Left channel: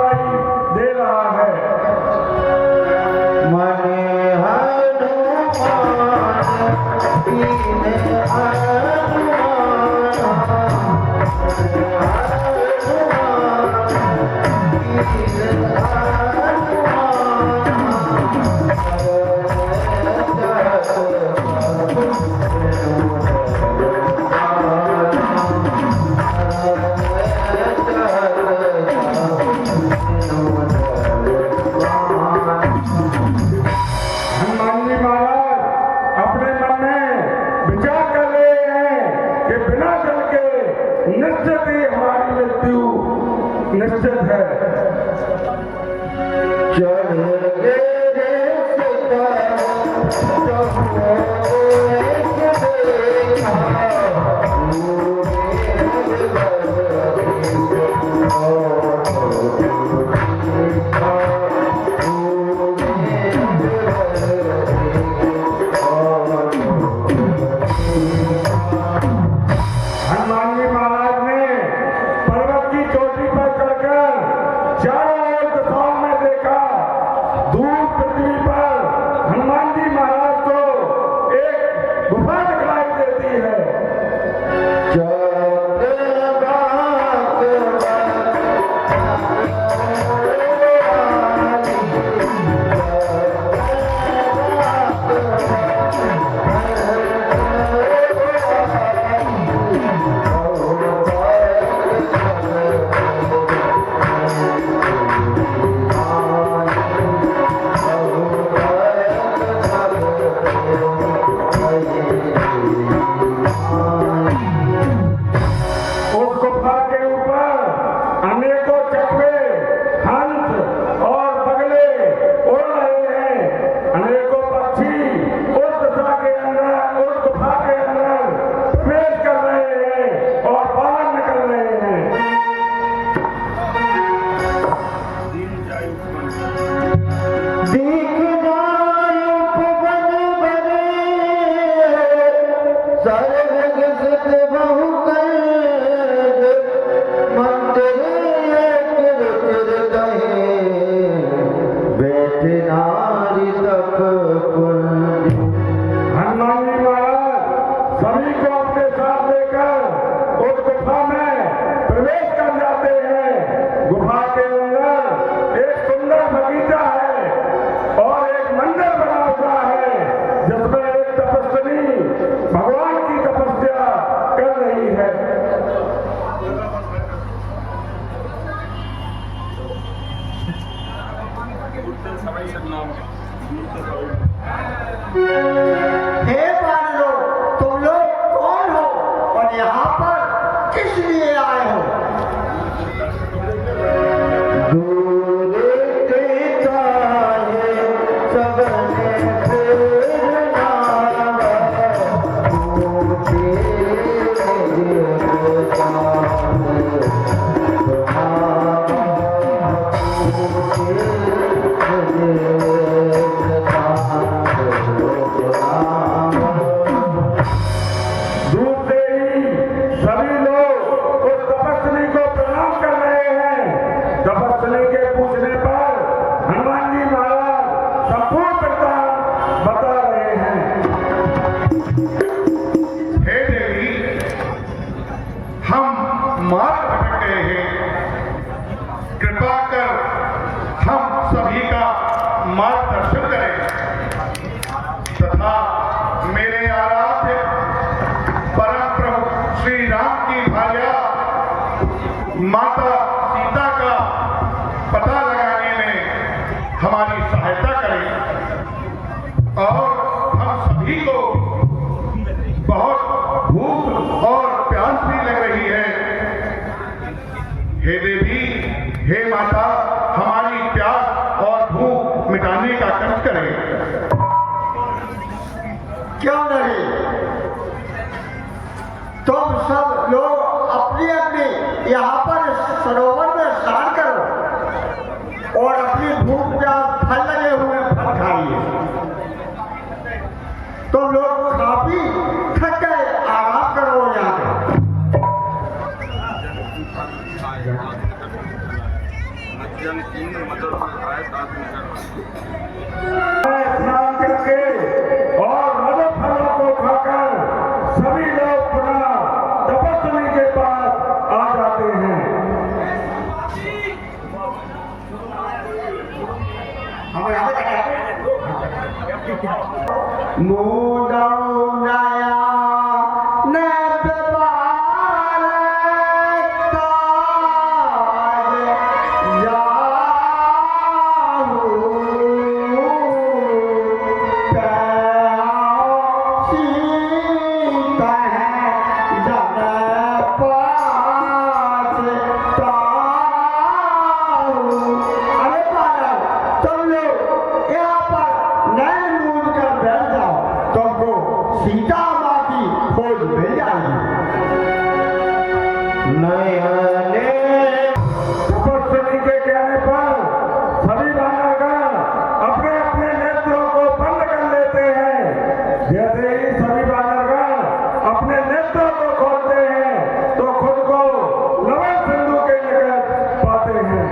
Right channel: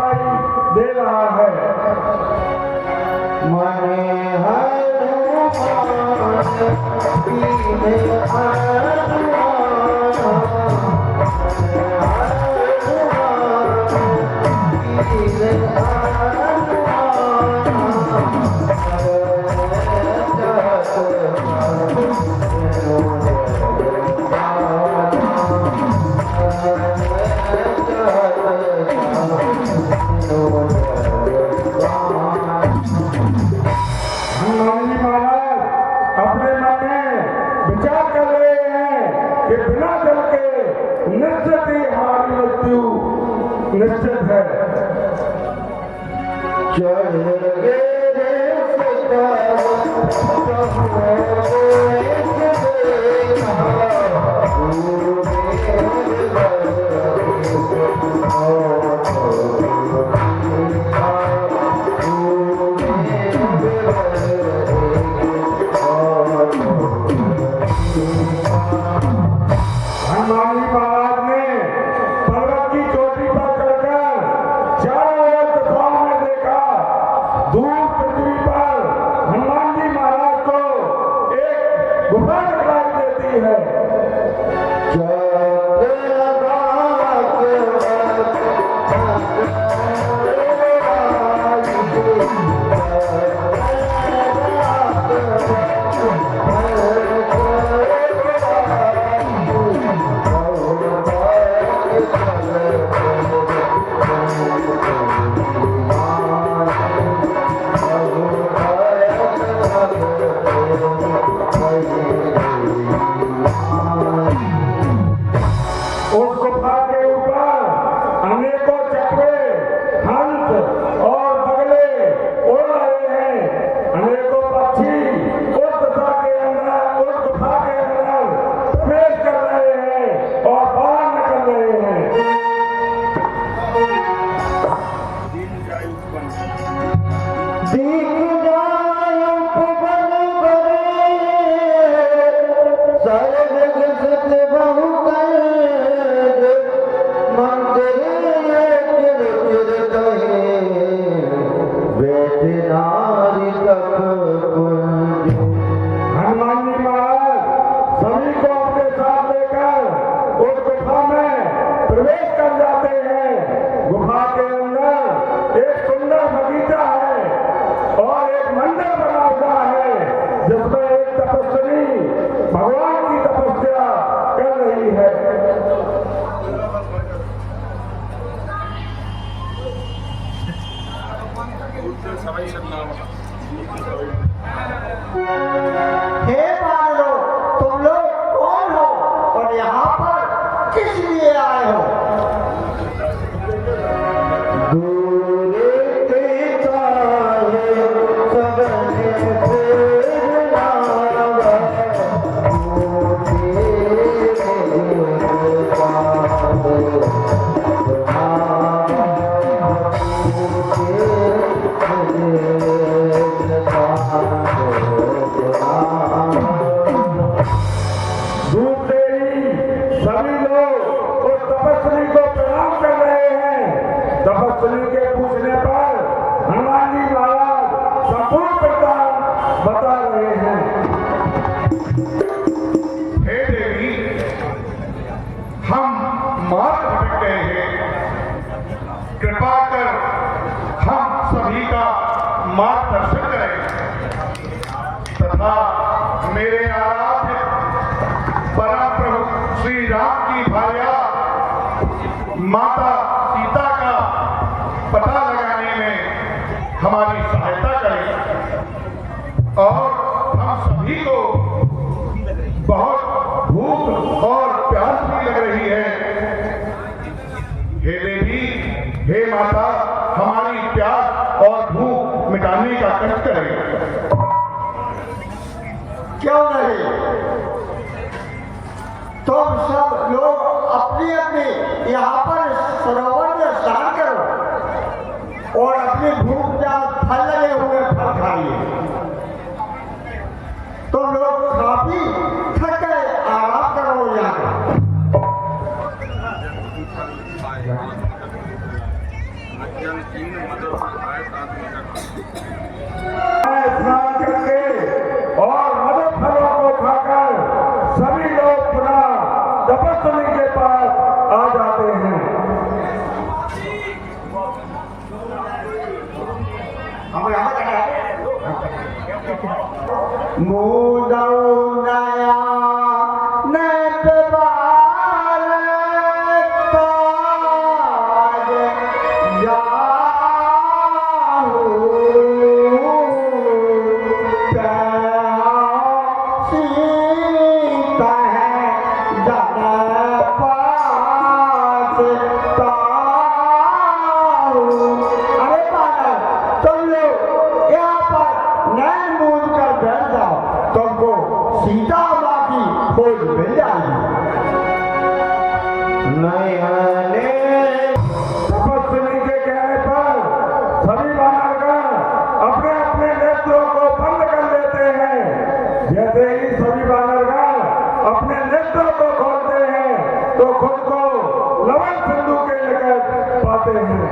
सुनाई दे रहा है। निश्चित है। हनुमान जी महाराज ने पर्वत की चोटी पर चढ़कर चारों ओर दिशाओं में देखा। दूर पृथ्वी पर हनुमान जी महाराज को एक गुफा दिखाई देती है। हे पागलों, तुम लोग कौन हो और यहाँ पर किस लिए आए हो? माता सीता का पता लगाने में हमारी सहायता करें और हम सभी को बहुत भूख और प्यास भी लग रही है। हे देवी, हे माता, हमारी प्यास और भूख मिटाने का कष्ट करें। क्यों नहीं? तुम सब लोग अपनी अपनी यहाँ पर सरोवर में स्नान करो और अपनी भूख प्यास फल लगे हुए फल खाइए। तुम लोग काफी थक गए, आराम करो यहाँ पे। स्नान करके और मधु फलों को खाकर सभी लोग पुनः तपस्वी के पास आ जाते हैं। सीता माँ की खोज मिल जाएगी। तपस्वी के कहने पर सभी बानरगण अपने अपने नेत्रों को बंद कर लेते हैं। जैसे ही सभी बानरगण अपने नेत्रों को खोलते हैं तो खुद को लवण सिंधु के निकट पाते हैं।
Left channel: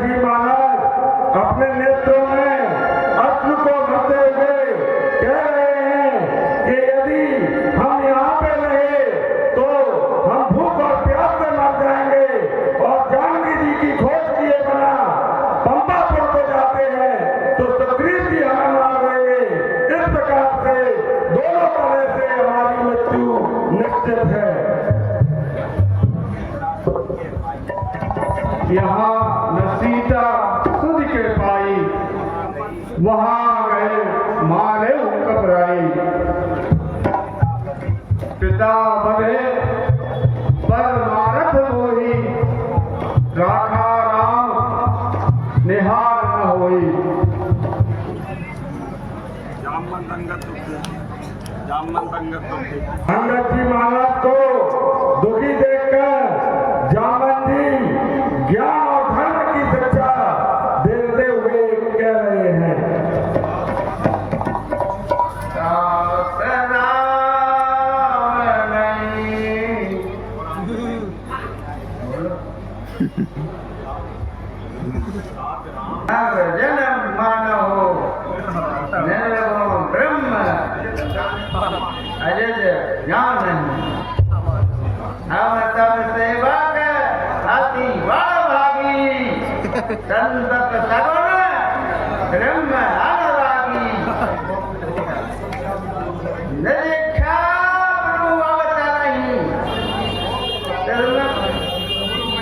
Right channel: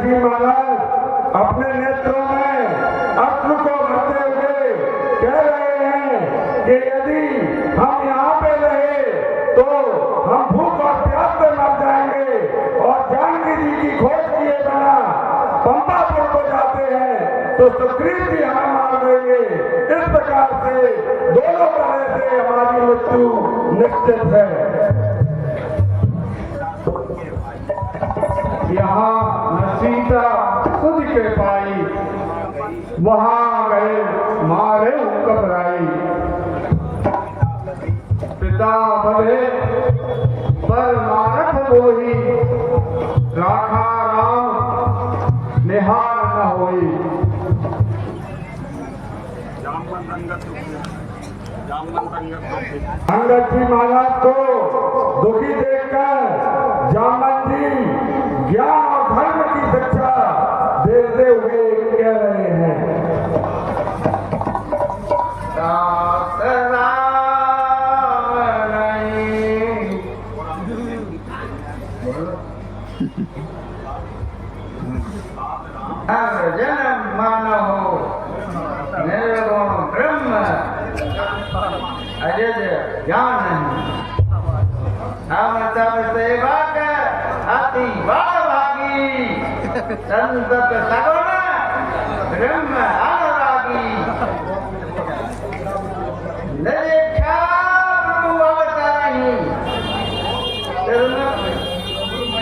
जी महाराज अपने नेत्रों में अश्रु को भरते हुए कह रहे हैं कि यदि हम यहाँ पे रहे तो हम भूख और प्यास से मर जाएंगे और जानकी जी की खोज किए बिना पंपापुर को जाते हैं तो सुग्रीव जी हमें मार देंगे। इस प्रकार से दोनों तरह से हमारी मृत्यु निश्चित है। यहाँ सीता खुद के पाई वहां गए मारे घबराई। पिता बधे पर मारत बोही राखा राम निहार न होई। अंगद जी महाराज को दुखी देखकर जामन जी ज्ञान और धर्म की शिक्षा देते हुए कह रहे हैं। जन्म मानो निर्गुण ब्रह्म अजय ज्ञान हम सब सेवा कर हाथी भागी संतत सगुण ब्रह्म अनुरागी न देखा प्रभु अवतरहि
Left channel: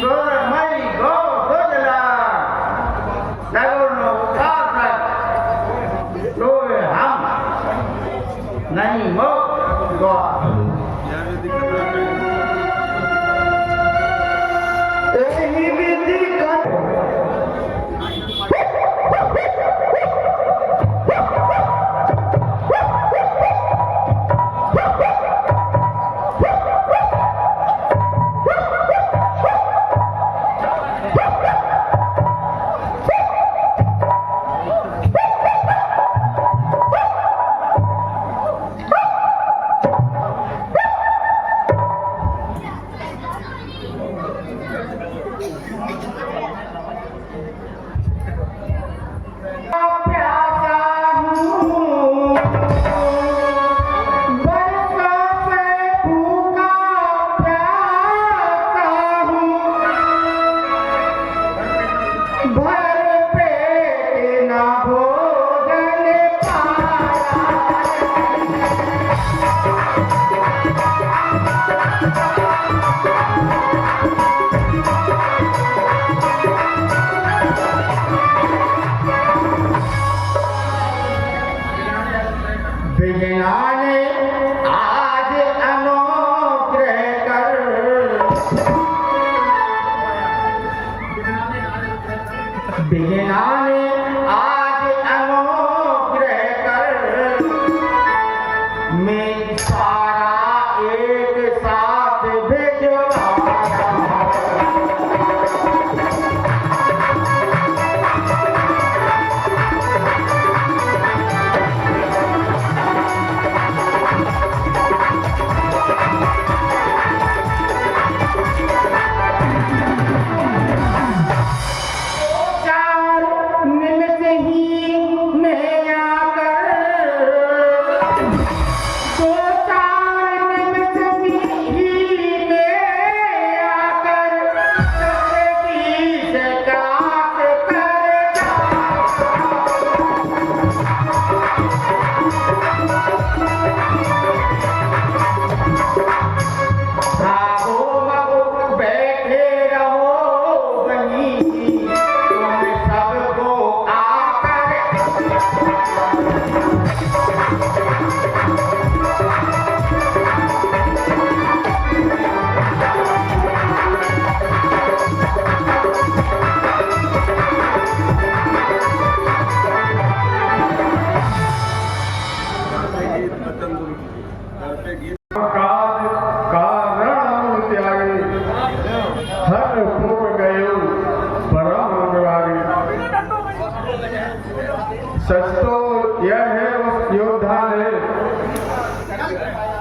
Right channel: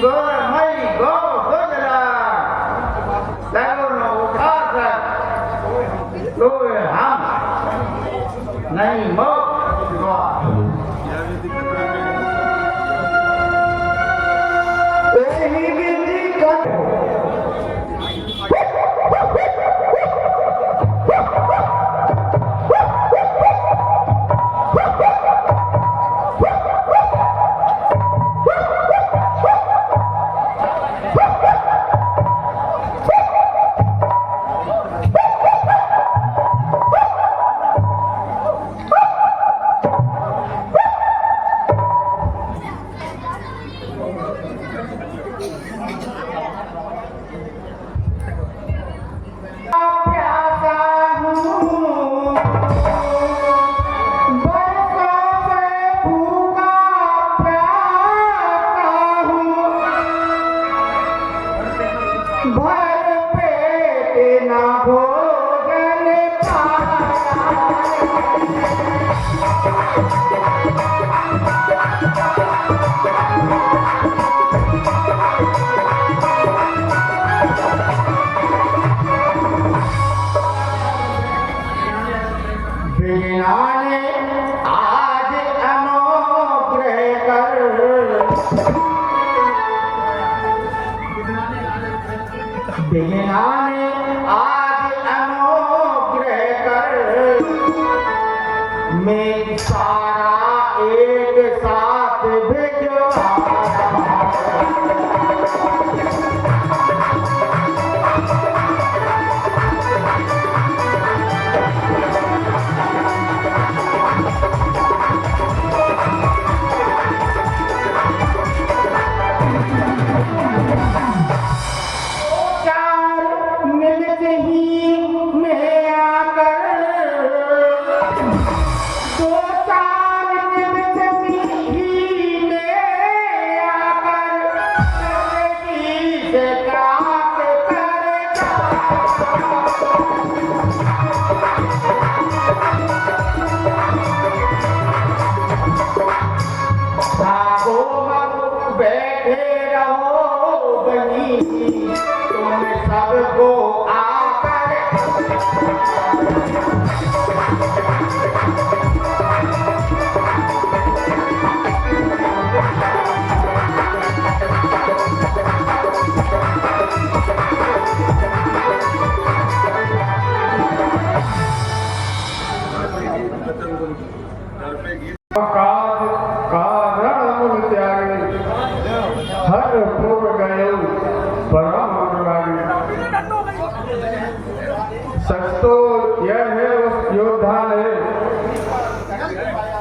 गोरमयी गो गोजला सगुण उठाकर लोग हम नहीं मोक्ष भर पेट ना भोजन विज्ञाने आज अनुग्रह कर विज्ञाने आज अनुग्रह कर मैं सारा एक साथ भिजवा सच तो यह है उस योद्धा ने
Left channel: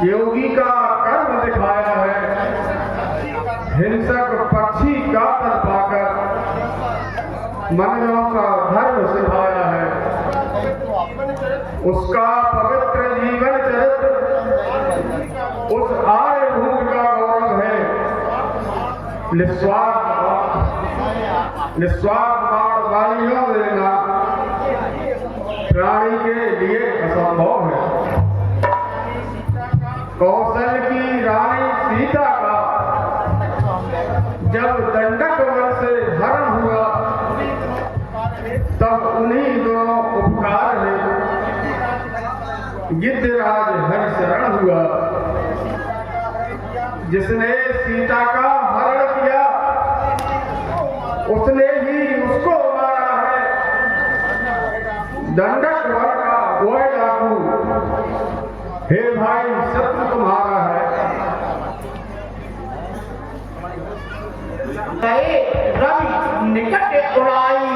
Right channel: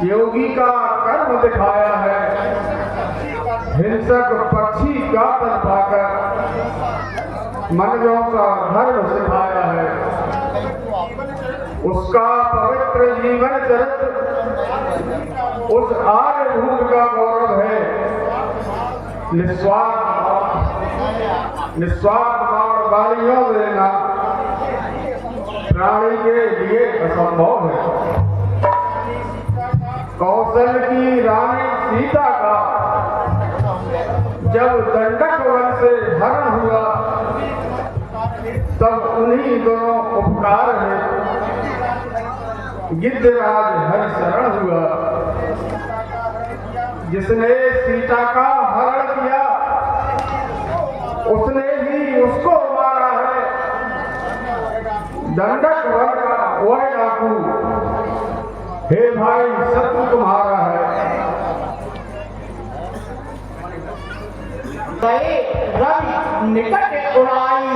योगी का कर्म दिखाया है, हिंसक पक्षी का तन पाकर मनों का धर्म सिखाया है। उसका पवित्र जीवन चरित्र उस आर्यभूत का गौरव है। निस्वार्थ वाणियों देना प्राणी के लिए असंभव है। कौशल की रानी सीता का जब दंडक वन से हरण हुआ तब उन्हीं दोनों उपकार है गिद्धराज हरिशरण हुआ। जिसने सीता का हरण किया उसने ही उसको मारा है। दंडक वन का वह डाकू हे भाई शत्रु तुम्हारा है। गए रवि निकट उड़ाई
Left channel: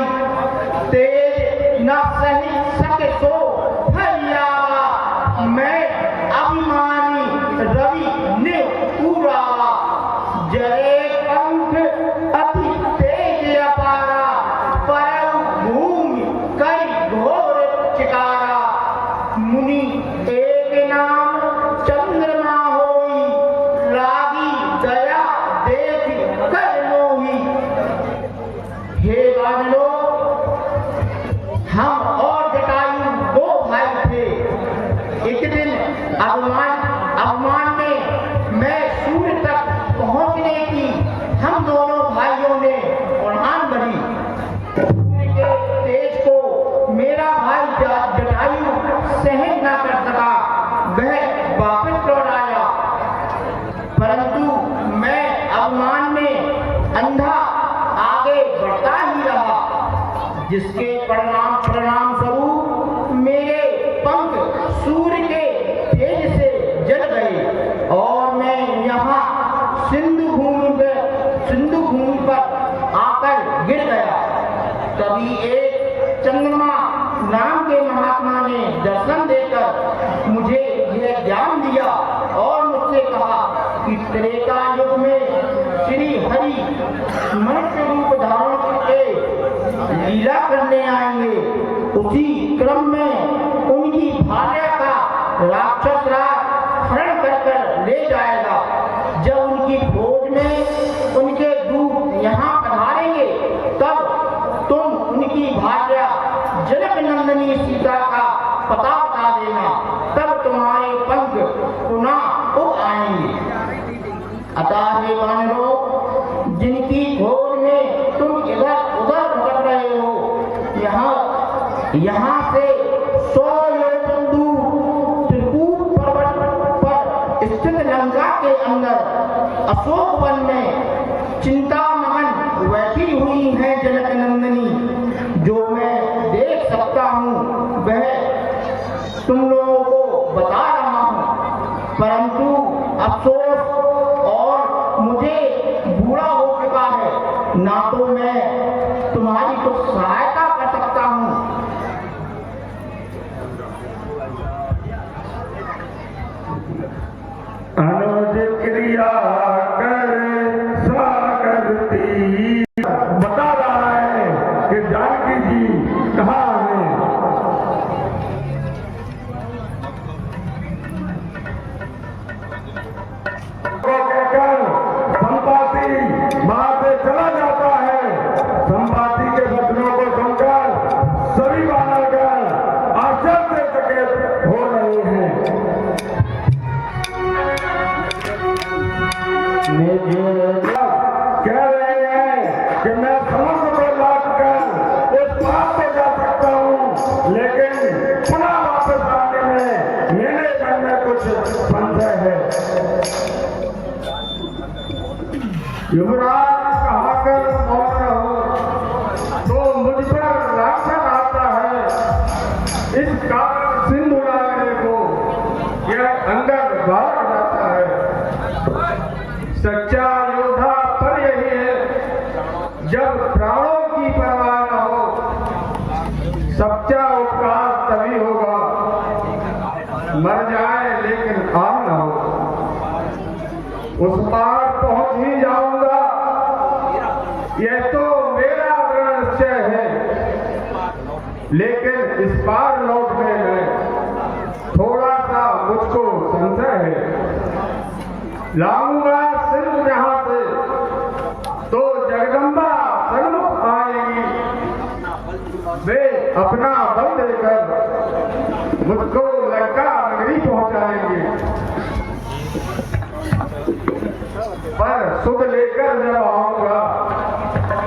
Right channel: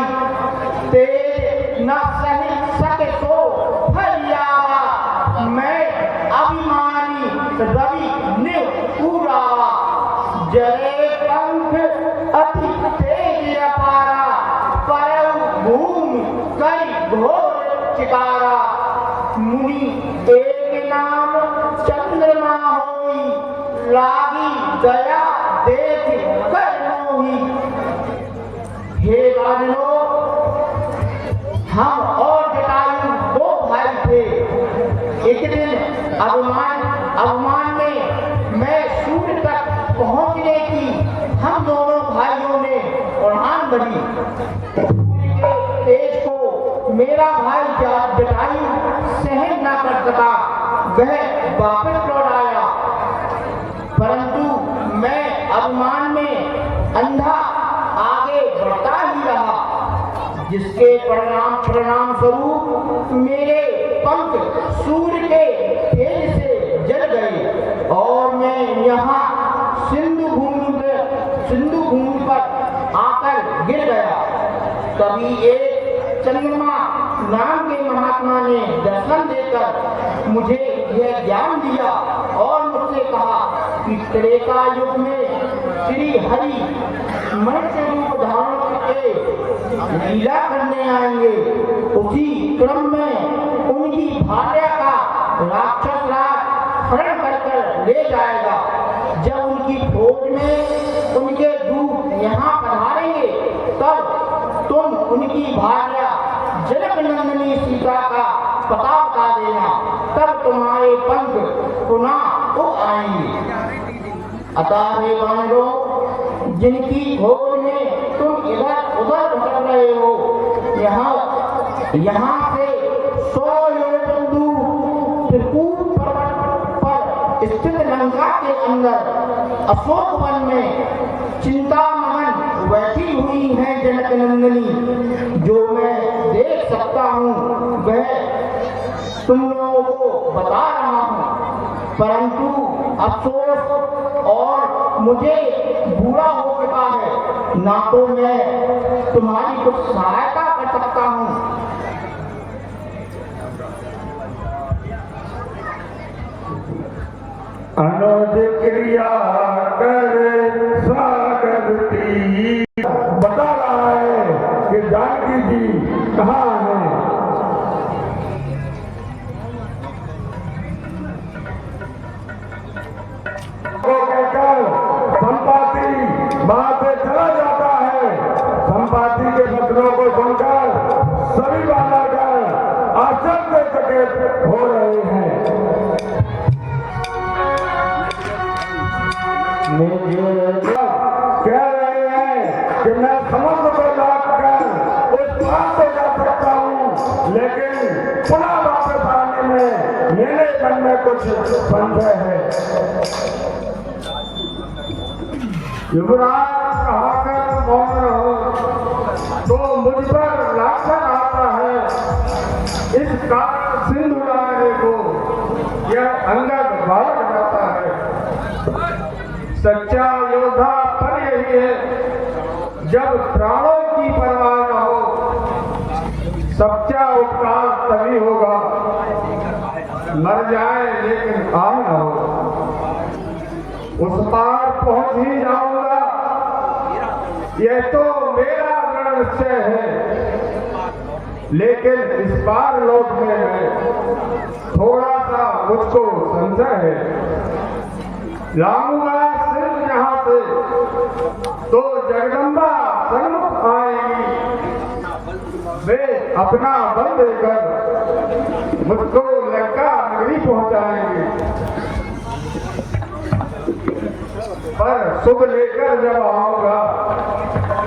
तेज न सही सके तो फरियावा। मैं अभिमानी रवि ने पूरा जले पंख अति तेज अपारा। परम भूमि कई घोर चिकारा। मुनि एक नाम चंद्रमा होई लागी दया देख कर मोही। हे वानरो हम और जटायु दो भाई थे। एक दिन अवमान में मैं सूर्य तक पहुंचने की हम दोनों भाइयों ने उड़ान भरी। सूर्य के तेज को मेरा भाई जटायु सहन न कर सका, वह वापस लौट आया। परंतु मैं अवमान में अंधा आगे बढ़ता ही रहा, जिसके परिणाम स्वरूप मेरे पंख सूर्य के तेज से जल गए और मैं यहाँ सिंधु भूमि पर आकर गिर गया। तभी एक चंद्रमा नाम के महात्मा ने दर्शन देकर मुझे यह ज्ञान दिया और मुझसे कहा कि त्रेता युग में श्री हरि मनुष्य रूप धारण करके लीला करने आएंगे। उसी क्रम में उनकी भार्या का राक्षस राज हरण कर ले जाएगा। जब उनकी खोज में उनके दूत यहाँ पधारेंगे तब तुम की भार्या जनक नंदिनी सीता का पता बता देना, तब तुम्हारे पंख पुनः उग आएंगे। अतः हे वानरों, जिनकी खोज में तुम इधर उधर भटक रहे हो, यहाँ से 100 योजन दूर त्रिकूट पर्वत पर स्थित लंका के अंदर अशोक वन में चिंतामगन बैठी हुई है जनक नंदिनी। जो मैं देख सकता हूँ वह तुम लोगों को बता रहा हूँ, परंतु अफसोस और मुझे बूढ़ा हो चुका है, ना तो मैं तुम्हारी कुछ सहायता कर सकता हूँ। अनुज क्रिया कर सागरती बता रहा है कि जानकी जी कहाँ है। संपाति वहां से चला जाता है। संपाति के वचनों को सुनकर सभी बालकगण आश्चर्यचकित हो रहे हैं। कह रहे हैं कि मैं समुद्र को लाट कर उस पार से जा सकता हूँ, लेकिन पुनः वापस आने में मेरे मन में कुछ संशय है। युवराज कहाकर मौन रहो, तो मुझ पर राक्षस आता है। इस कारण सिंधु लाने को यह अंदर भाग जाता है। सच्चा योद्धा पर यही है, जब प्राणों की परवाह न हो। सच्चा उपकार तभी होगा, मर जाए लेकिन काम न हो। उस पार पहुंच ही जाऊंगा, यह तो मेरा दृढ़ निश्चय है, लेकिन इस पार लौटने में थोड़ा सा मुझको संशय है। लाऊंगा सिर्फ यहाँ से तो जगदम्बा सन्मुख आएगी, वे अपना बल देकर मुझको लंका नगरी पहुंचाएंगे। पर सुध लेकर जब आऊंगा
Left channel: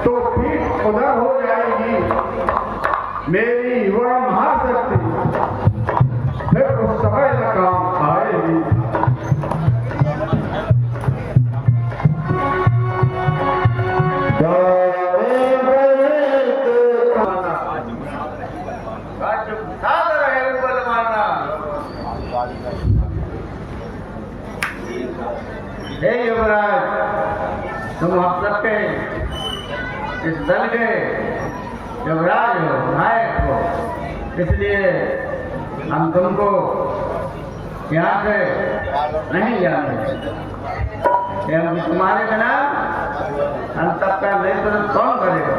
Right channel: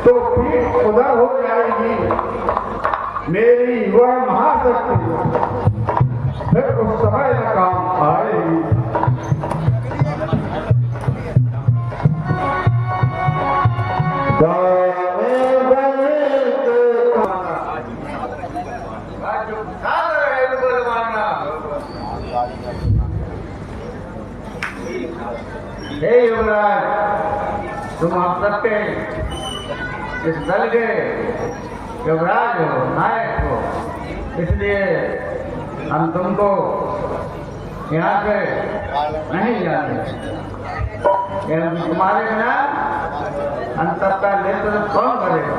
तो पीठ उधर हो जाएगी मेरी वह महाशक्ति, फिर उस समय काम आएगी। हे युवराज, तुम आप सबके इस दल के युवराज हो, नायक हो, इसलिए हम तुमको यहाँ से नहीं जाने। हम तुम्हारे बिना हम सबका नेतृत्व कौन करेगा?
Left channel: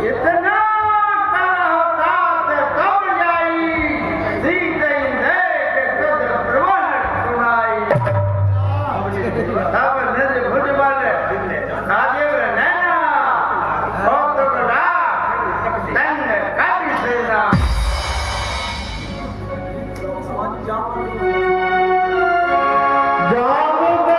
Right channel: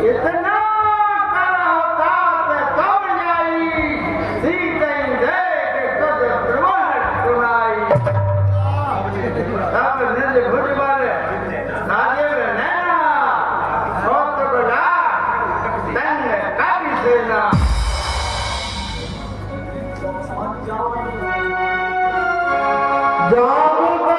इतना कड़ा होता ते कब जाई सीते देख तुझ प्रवण सुनाई अब निज भुज वाले राजीव नैना कौतुक लाख तंग कवि सेना जामवंत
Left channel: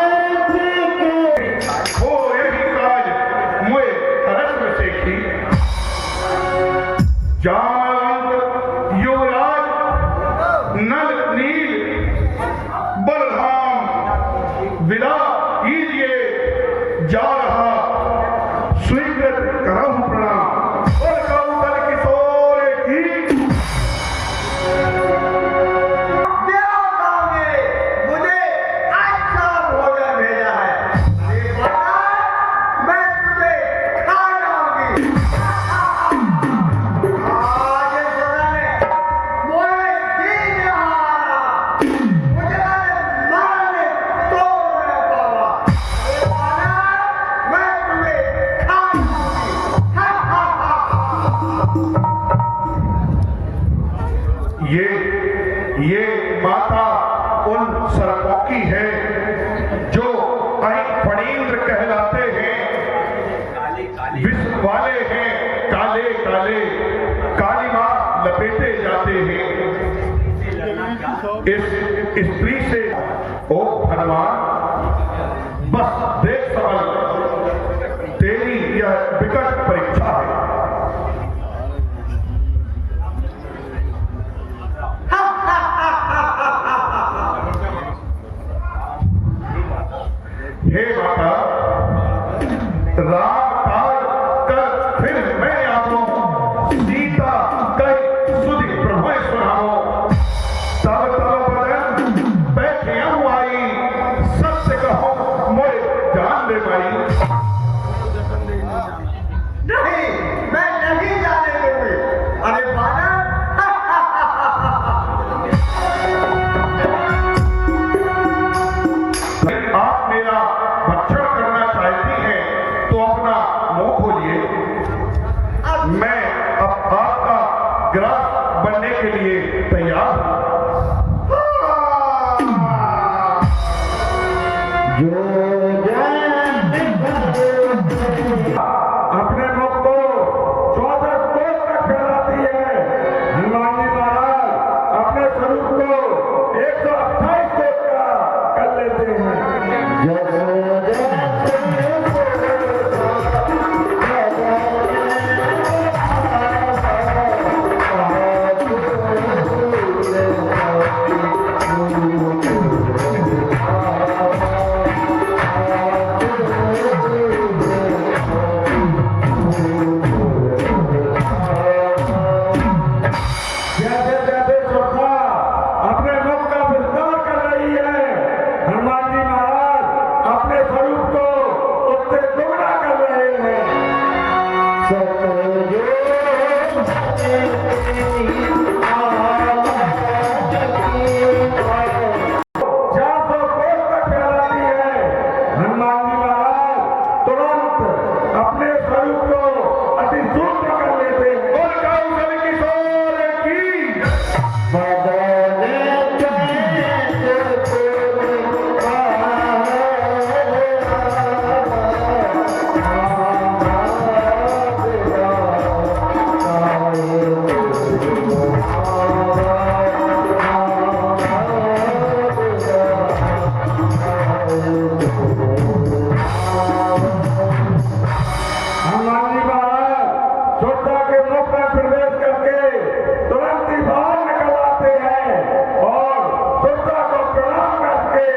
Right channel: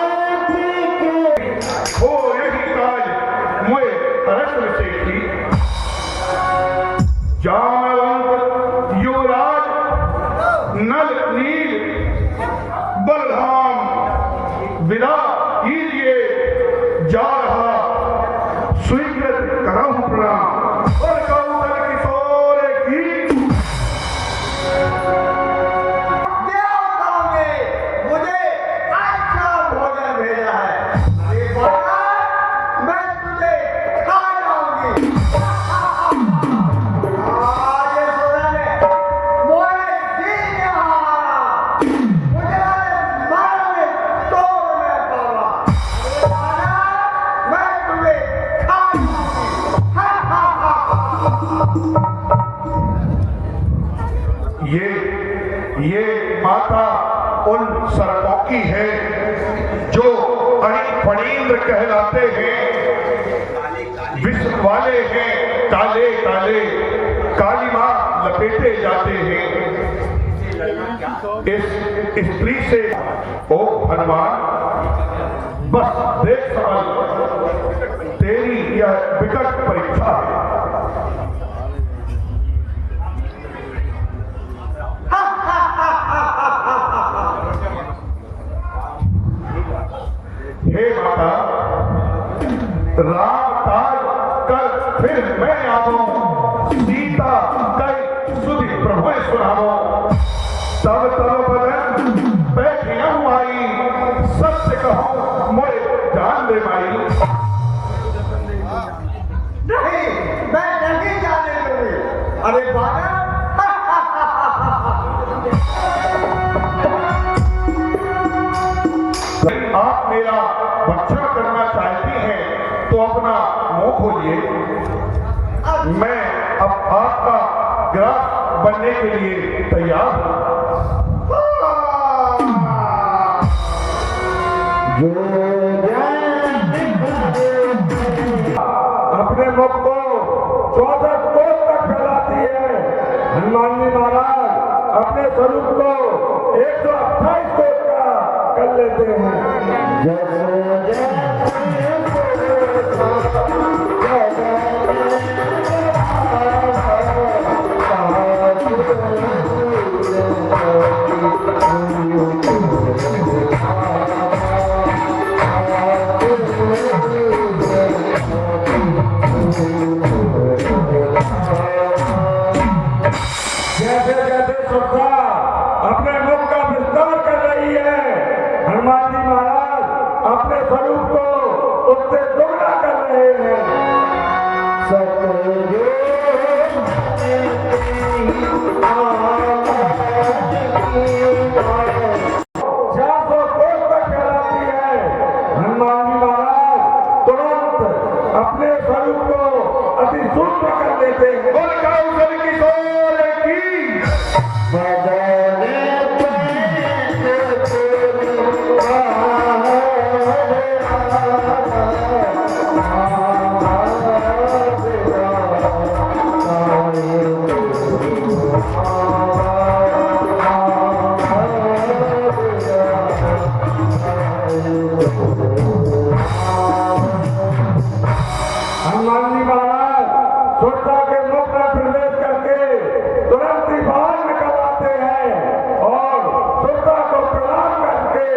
युवराज नल नील बलराम विदा कीजिए जा रहा स्वीकृत करम प्रणाम और कौशल किशोर की देवताओं ने मुझे अच्छा भोजन भेजा है मैं तुझे खा जाऊंगी ये माता उन सर्पों की है जो फणींद्र कहलाते हैं, विष वाले हैं, काले काले काली मां लपेटे जाते हैं। इस स्त्री से ओ हनुमान बस देख समझ तेरी यह विकट परीक्षा है। हे माता राम काज कर फिर मैं आऊं सीता कई सुधि प्रभु सुनाओ तब तब बदन बैठिया आई सत्य कहो मोए जान ले माई नहीं मैं नहीं जाने दूंगी अरे बाबा आप मेरा भक्षण करना चाहती हैं तो अपना मुंह खोलिए, मैं अब आपका ग्रास बनने के लिए तैयार हूं। अपने मुख को 14 कोस तक फैलाती है हनुमान जी महाराज अपने स्वरूप को 128 कोस का कर लेते हैं। अपने मुख का विस्तार कर रही है हनुमान जी महाराज अपने स्वरूप को उससे दोगुना कर रहे हैं। फैलाती है हनुमान जी महाराज तुरंत अपने स्वरूप को अति सूक्ष्म कर लेते हैं। कौशल किशोर की हनुमान जी महाराज सुरता के मुख में प्रवेश करके तुरंत ही बाहर निकल आते हैं और सुरता को प्रणाम करके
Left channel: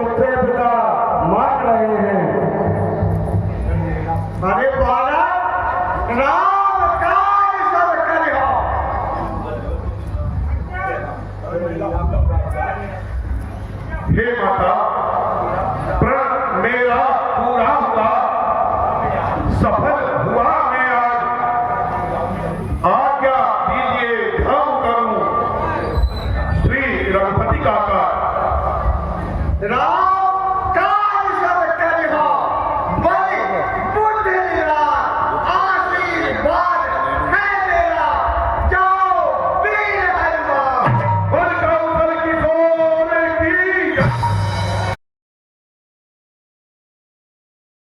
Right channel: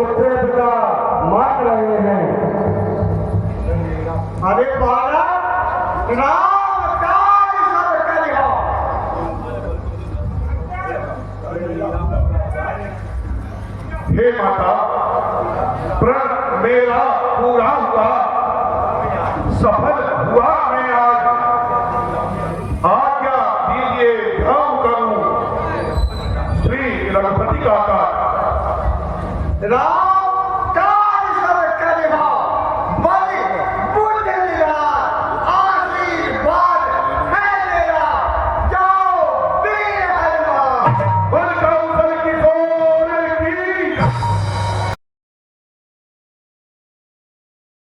उससे विदा मांग रहे हैं। अरे बालक राम काज सब करिहो हे माता प्रण मेरा पूरा हुआ सफल हुआ मैं आज आज्ञा दीजिए ध्यान करूं श्री रघुपति का राम